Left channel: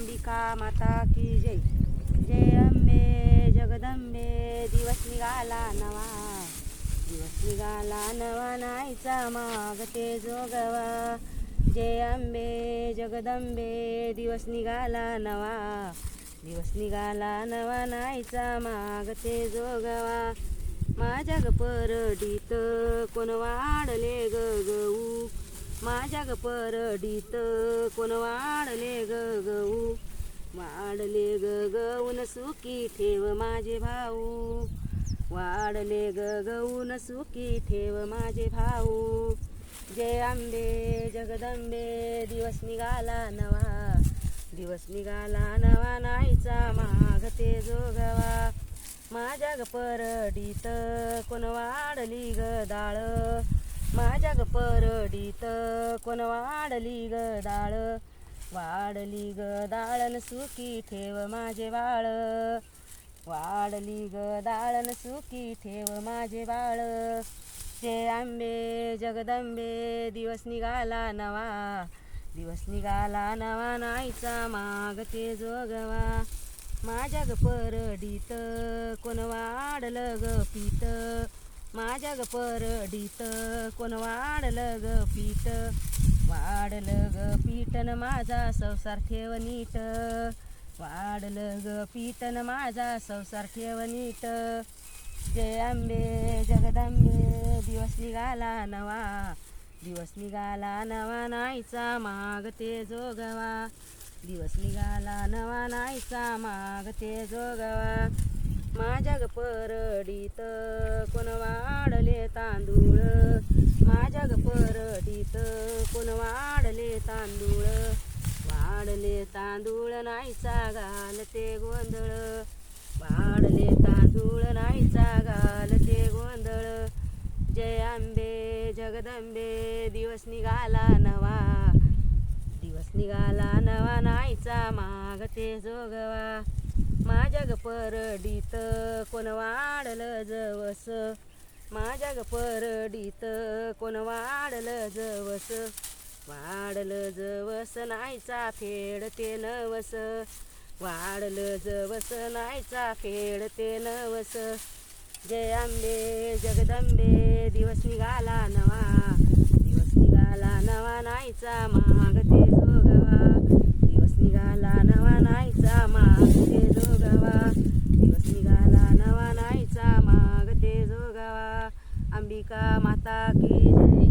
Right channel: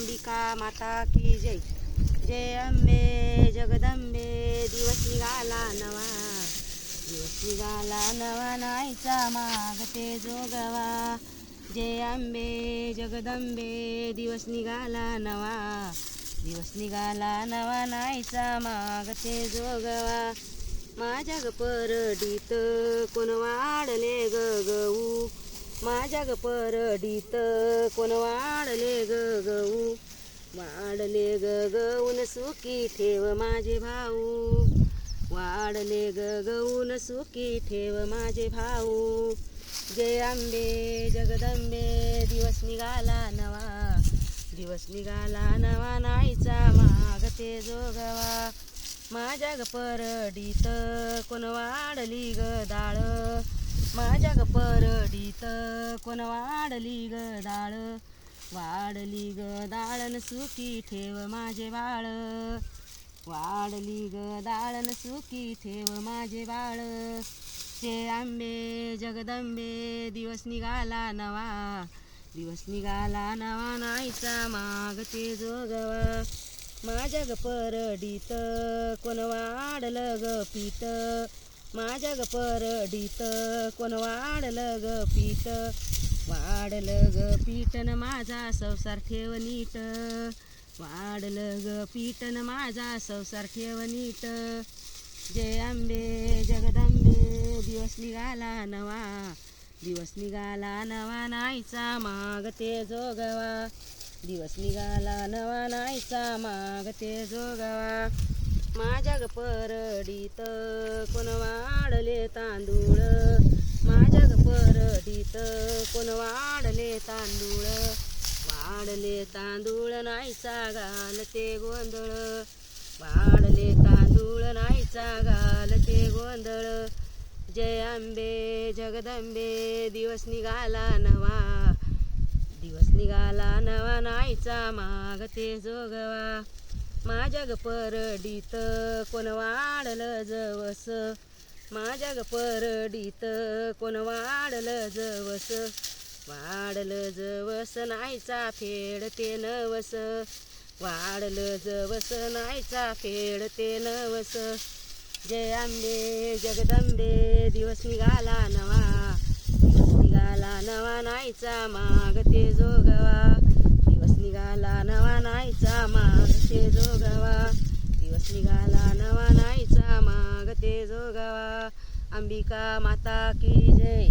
अंबिका माता की जय. जय अंबे जगदंबे. दिवस निघाला नवा, दिवस निघाला नवा नाहीचा मागते जोगवा. जय अंबे जगदंबे. दिवस निघाला नवा, दिवस निघाला नवा नाहीचा मागते जोगवा. माझ्या ग परडीत कोण वाढले ग गहू, माझ्या ग परडीत कोण वाढले ग गहू. वाढले ग गहून सुखी ठेव माझे भाऊ, वाढले ग गहून सुखी ठेव माझे भाऊ. जय अंबे जगदंबे. दिवस निघाला नवा, दिवस निघाला नवा नाहीचा मागते जोगवा. माझ्या ग परडीत कोण वाढली ग डाळ, माझ्या ग परडीत कोण वाढली ग डाळ. वाढली ग डाळन सुखी ठेव माझे बाळ, वाढली ग डाळन सुखी ठेव माझे बाळ. जय अंबे जगदंबे. दिवस निघाला नवा, दिवस निघाला नवा नाहीचा मागते जोगवा. माझ्या ग परडीत कोण वाढलं ग पीठ, माझ्या ग परडीत कोण वाढलं ग पीठ. वाढलं ग पीठन माझा संसार ठेव नीट, वाढलं ग पीठन माझा संसार ठेव नीट. जय अंबे जगदंबे. दिवस निघाला नवा, दिवस निघाला नवा नाहीचा मागते जोगवा. दिवस निघाला नवा नाहीचा मागते जोगवा. माझ्या ग परडीत कोण वाढले तांदूळ, माझ्या ग परडीत कोण वाढले तांदूळ. वाढले तांदूळ नाहीचा घालते गोंधळ, वाढले तांदूळ नाहीचा घालते गोंधळ. जय अंबे जगदंबे. दिवस निघाला नवा, दिवस निघाला नवा नाहीचा मागते जोगवा. माझ्या ग परडीत कोण वाढलं जवस, माझ्या ग परडीत कोण वाढलं जवस. वाढलं जवस नाहीचा फेडते नवस, वाढलं जवस नाहीचा फेडते नवस. जय अंबे जगदंबे. दिवस निघाला नवा, दिवस निघाला नवा नाहीचा मागते जोगवा. दिवस निघाला नवा नाहीचा मागते जोगवा. दिवस निघाला नवा नाहीचा मागते जोगवा. अंबिका माता की जय.